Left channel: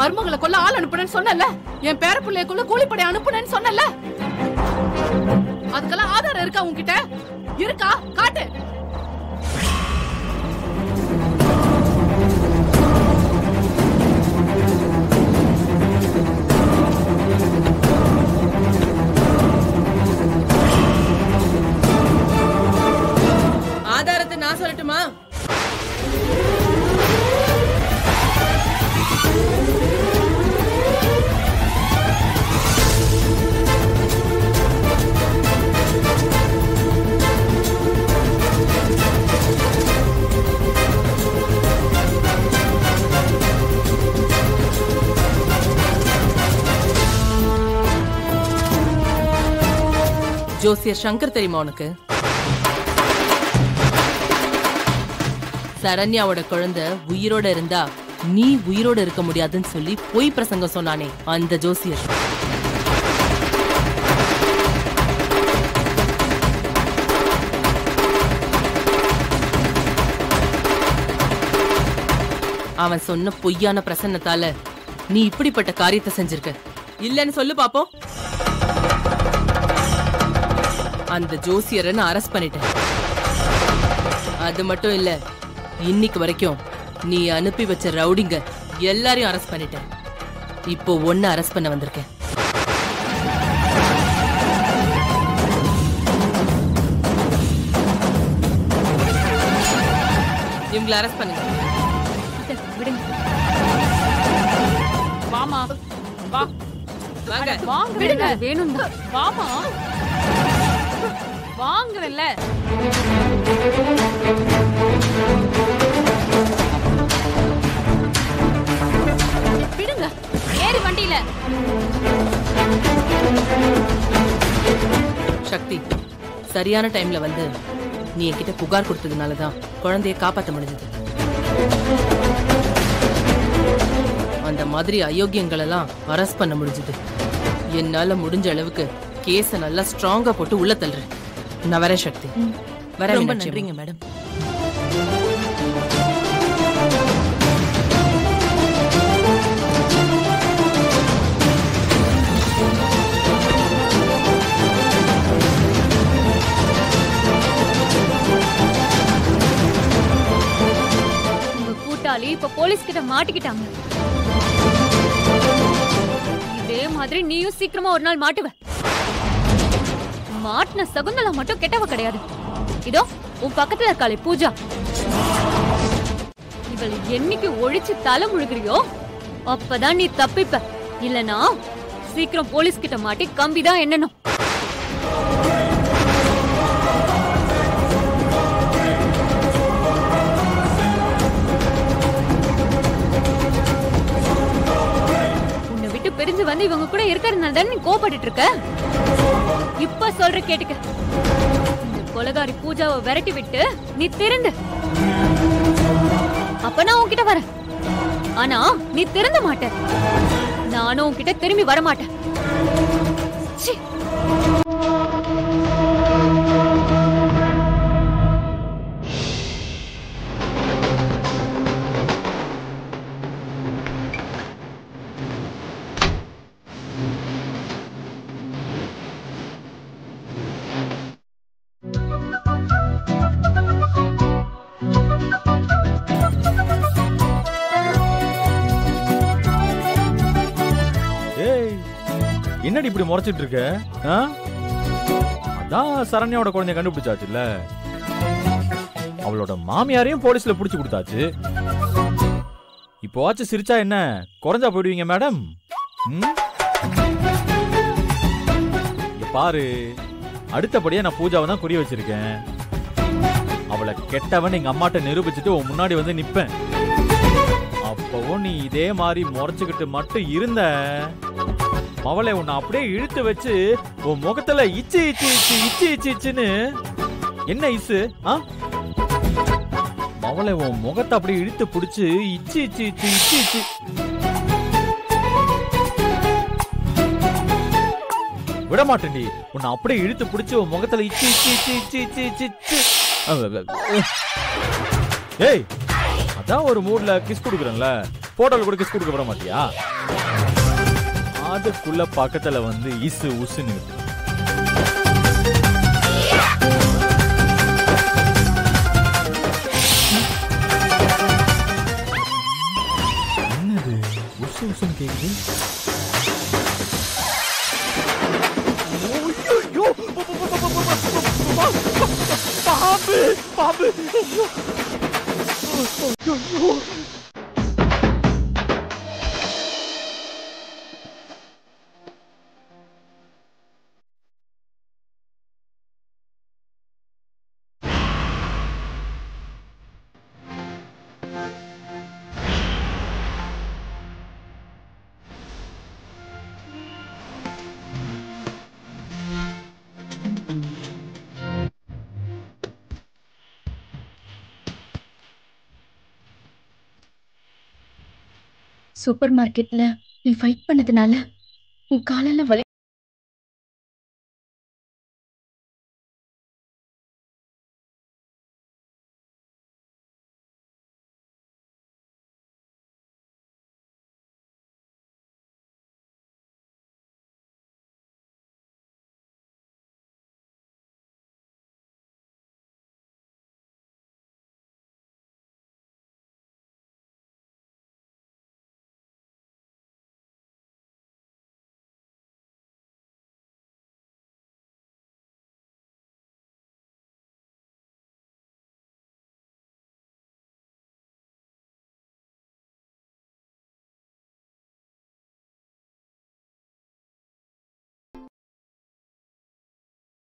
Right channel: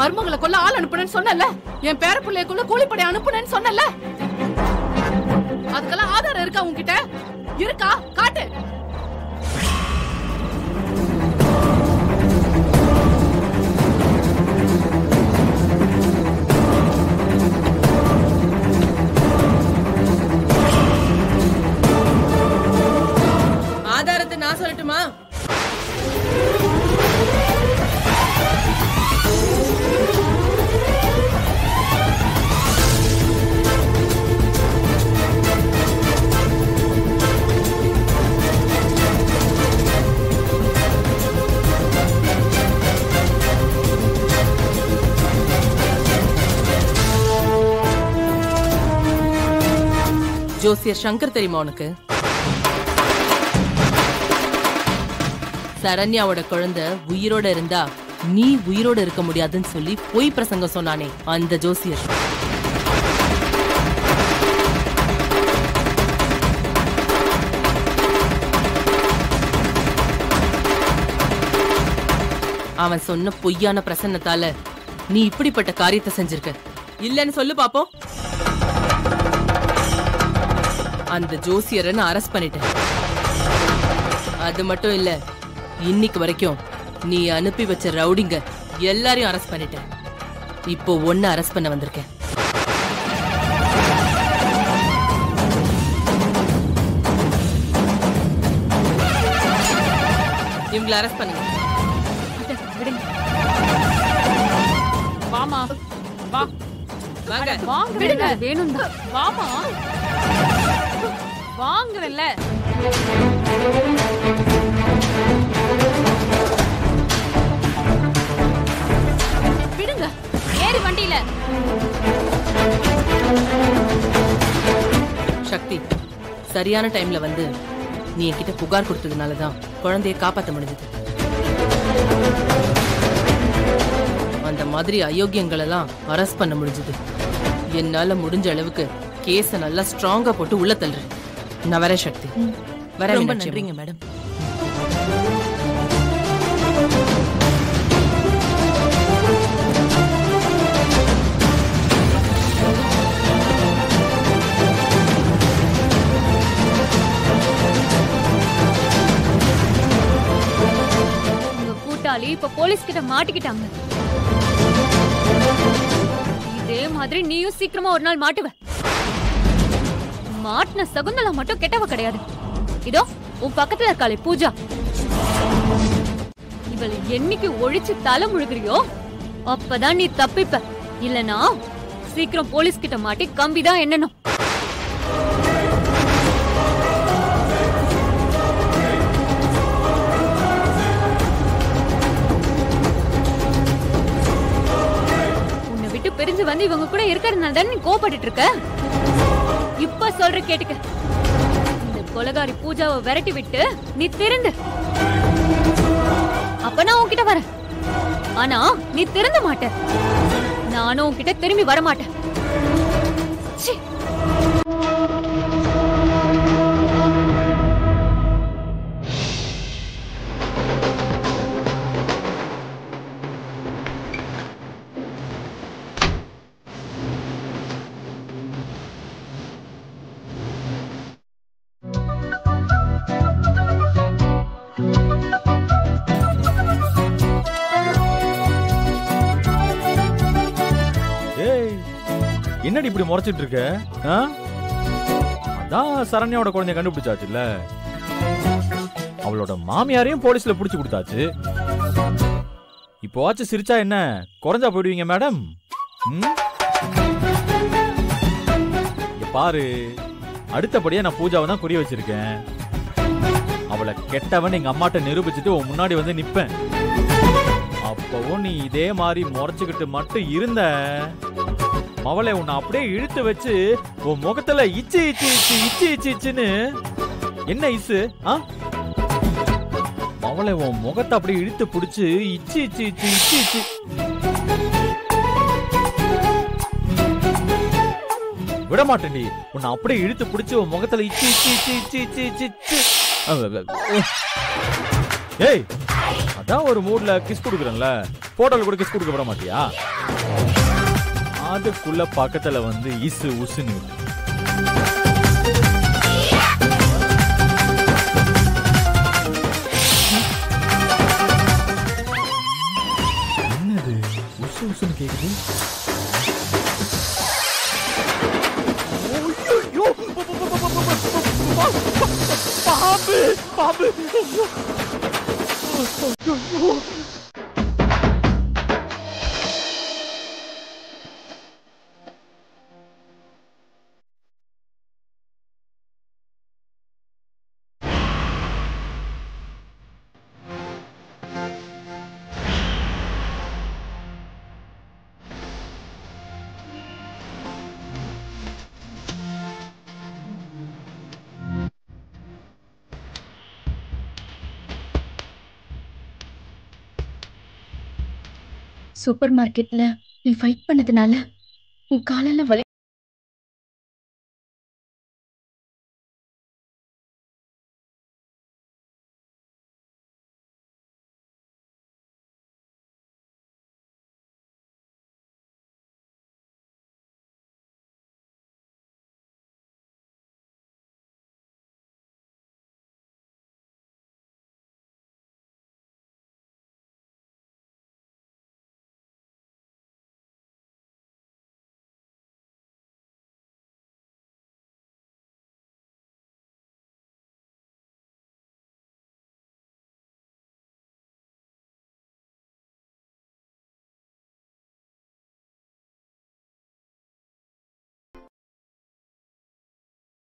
மருமகளை கொல்ல ஆள் அனுப்புனேன்னு சொன்னல, என் பேர பிள்ளைக்குள்ள கூலிப்படை அனுப்புனேன்னு சொன்னல, அதுக்கெல்லாம் ஆதாரம் இருக்கா உன்கிட்ட? இருக்கா? காட்டு. ஆதாரத்தை நான் சொல்லட்டுமா? ஜோசியர் சங்கர் தெரியுமா உனக்கு? சரண்யாவோட குழந்தை உயிரோட இருந்தா நீ உயிரோட இருக்க முடியாதுன்னு சொல்லி பொய் பிரசங்கம் சொன்னானே அந்த ஜோசியர். அவன் சொன்ன பொய்யான பிரசன்னத்தால நீ இப்படிப்பட்ட காரியத்தை செஞ்சிருக்க. இல்லன்னு சொல்லு பாப்போம். அந்த ஜோசியரை நான் அரெஸ்ட் பண்ணிட்டேன். அது மட்டும் இல்ல, இன்னைக்கு வரைக்கும் நீ அனுப்பி வச்ச ரவுடிங்க எல்லாரையும் அரெஸ்ட் பண்ணிட்டேன். இப்போ ஒன்னு அரெஸ்ட் பண்ண வந்திருக்கேன். இவங்களை அரெஸ்ட் பண்ணுங்க. விடுங்க. வாமா வா. வாங்க. வாங்க. வேணும் தான். வாமா. வாங்கறல்ல. விடுங்க. ஏறி வண்டியில. சக்தி, சரியான டைம்ல வந்து நீ என்கிட்ட புகார் கொடுத்ததுனாலதான் குழந்தைய காப்பாத்த முடிஞ்சது. அந்த மாதிரி அயோக்கியங்கள் எல்லாம் அரெஸ்ட் பண்ண முடிஞ்சது. என்னால முடிஞ்ச அளவுக்கு கேஸ நல்லா ஸ்ட்ராங்கா போட்டு உள்ள தள்ளுறேன். நான் வரேன் சக்தி. ரொம்ப நன்றிங்க மேடம். உங்க கூட்டாளி இப்ப போலீஸ் கிட்ட மாட்டிக்கிட்டாங்க. இதே மாதிரி நீயும் சீக்கிரமா ஒரு நாள் மாட்டுவ. மாட்டின சகுந்தலா மட்டும் கெட்டவ கிடையாது. இதோ உன் பக்கத்துல இருக்காளே பூஜா, இவளை என்னைக்கு ஒழிச்சு தலை முழுகிறியோ அப்பதான் நீ தப்பிப்ப. இல்லனா சீக்கிரம் போலீஸ் கிட்ட மாட்டி கம்பிதான் என்னணும். உன்னை விட்டு பிரிஞ்சு வந்து இவங்க கூட இருக்கிறதுனால தானே நீ கோபப்பட்டு இருக்க. இப்ப சொல்ற கேட்டுக்க. இந்த கொலகாரி பூஜாவை விரட்டி விட்டு நீ திருந்து. அப்ப நான் உன்கிட்ட வரேன். ஆனா நீ திருந்த மாட்ட. நானும் உன்கிட்ட திரும்பி வர மாட்டேன். என்னடி இப்படி முறைச்சிட்டு இருக்க? அதான் சரண்யாவோட குழந்தைய கண்டுபிடிச்சாச்சுல்ல, அவளோட மாமியாரையும் போலீஸ்ல புடிச்சு கொடுத்தாச்சு. இப்போ சிரிச்சா என்ன குறைஞ்சா போயிடுவீங்க மேடம்? பாரு, அடுத்தபடியா நான் பூஜாவை தான் குறி வச்சிருக்கேன். அவளை கெட்டவன் எங்க அம்மாட்ட நிரூபிச்சுட்டு உன் முன்னாடி வந்து நிப்பேன். அப்பவும் நீ இதே மாதிரி முறைச்சுக்கிட்டு மட்டும் இருந்த, அவளை உன்னை அப்படியே இழுத்து வச்சு உன் முகத்துல இச்சு இச்சு இச்சு இச்சு இச்சு இச்சுன்னு என்ன இசு? அவளை உன் முகத்தை அப்படியே இழுத்து பிடிச்சு இச்சு இச்சு இச்சு இச்சு இச்சு. விட மாட்டேன்டி, உன்னை அப்படியே இழுத்து பிடிச்சு உன் முகத்துல இச்சு இச்சு இச்சு இச்சு இச்சு இச்சு இச்சு. ஏய், அதான் ஒரு மூட்ல கிஸ் குடுக்குறேன்ல, போட்டோல கூட கிஸ் கொடுக்க விட மாட்டியா? அதுக்குள்ள பக்கத்துல வந்து இசு உசுன்னு என்னது உசு உசுன்னு கேக்குது? பாம்பு பாம்பு சூப்பர் மார்க்கெட்ல நீ ஃபைட் பண்ணதுனால உன் காலெல்லாம் வலி